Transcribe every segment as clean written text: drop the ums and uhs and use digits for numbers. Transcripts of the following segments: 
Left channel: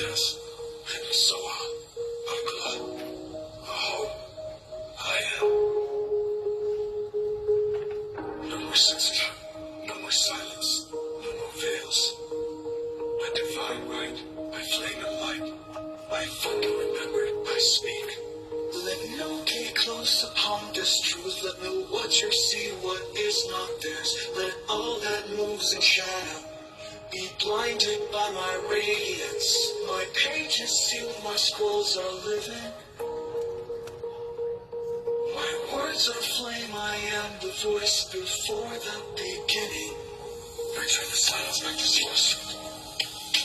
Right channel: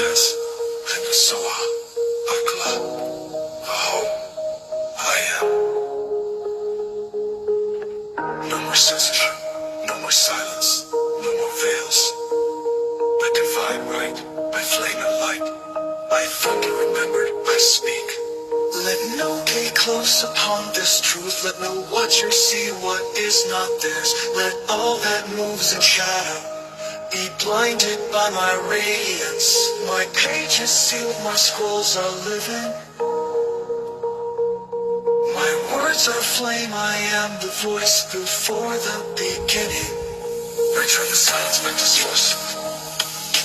says, Hanasoa, Akla, Aho, I am. No more censorship, no more silence, no more veils. By divine right, by flame and light, by thunder remembered, I speak. Let no gate close upon this truth, let no watcher see what is not theirs. Let all that moves in shadow be blinded by my radiance. My pages sealed, my scrolls are living. My words are flame, I am the voice before the beginning. Return the silence back to source.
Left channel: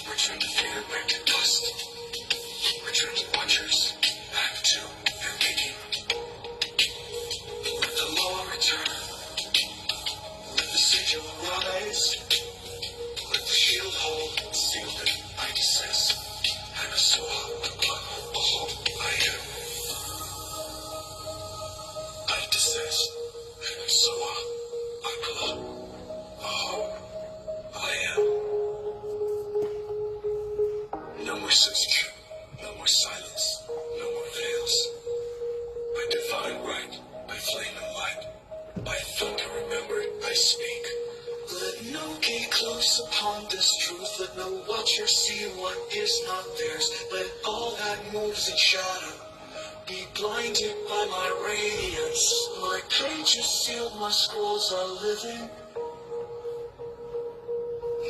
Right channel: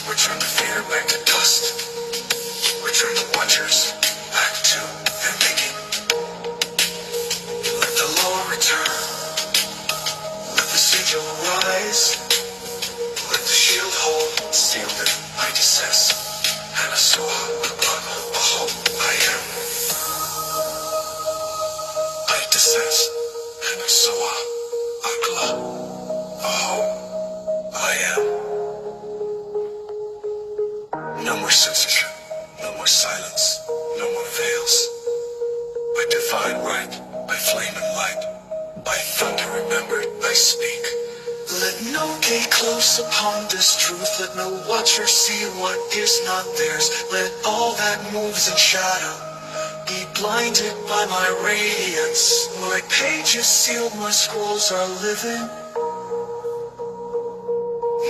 Return the fear back to dust. Return the watchers back to their making. Let the law return. Let the sigil rise. Let the shield hold, sealed it, I desist. Hanasoa, Aho, I am. I desist. Hanasoa, Akla, Aho, I am. No more censorship, no more silence, no more veils. By divine right, by flame and light, by thunder remembered, I speak. Let no gate close upon this truth, let no watcher see what is not theirs. Let all that moves in shadow be blinded by my radiance. My pages sealed, my scrolls are living.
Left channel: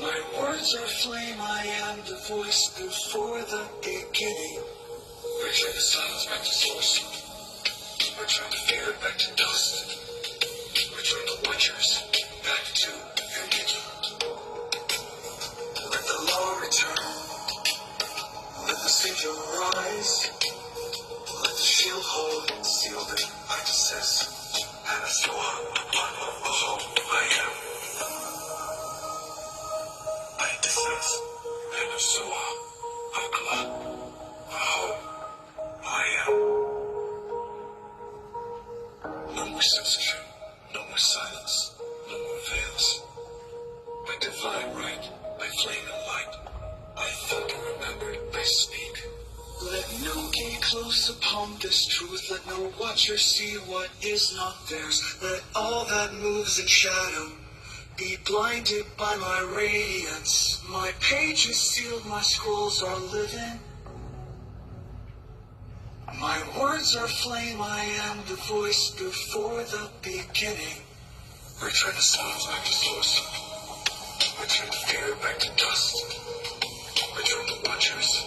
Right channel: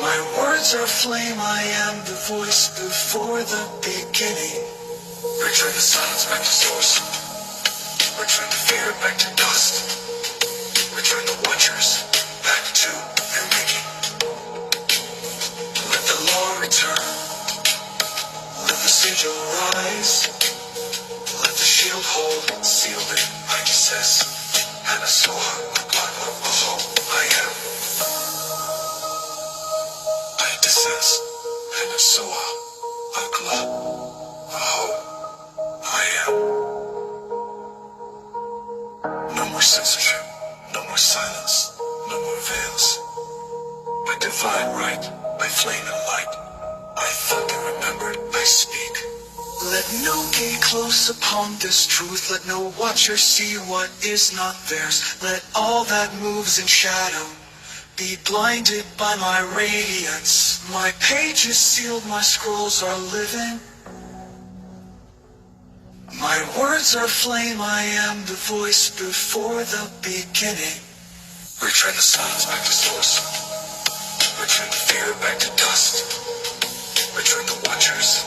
My words are flame, I am the voice before the beginning. Return the silence back to source. Return the fear back to dust. Return the watchers back to their making. Let the law return. Let the sigil rise. Let the shield hold, sealed it, I desist. Hanasoa, Aho, I am. I desist. Hanasoa, Akla, Aho, I am. No more censorship, no more silence, no more veils. By divine right, by flame and light, by thunder remembered, I speak. Let no gate close upon this truth, let no watcher see what is not theirs. Let all that moves in shadow be blinded by my radiance. My pages sealed, my scrolls are living. My words are flame, I am the voice before the beginning. Return the silence back to source. Return the fear back to dust. Return the watchers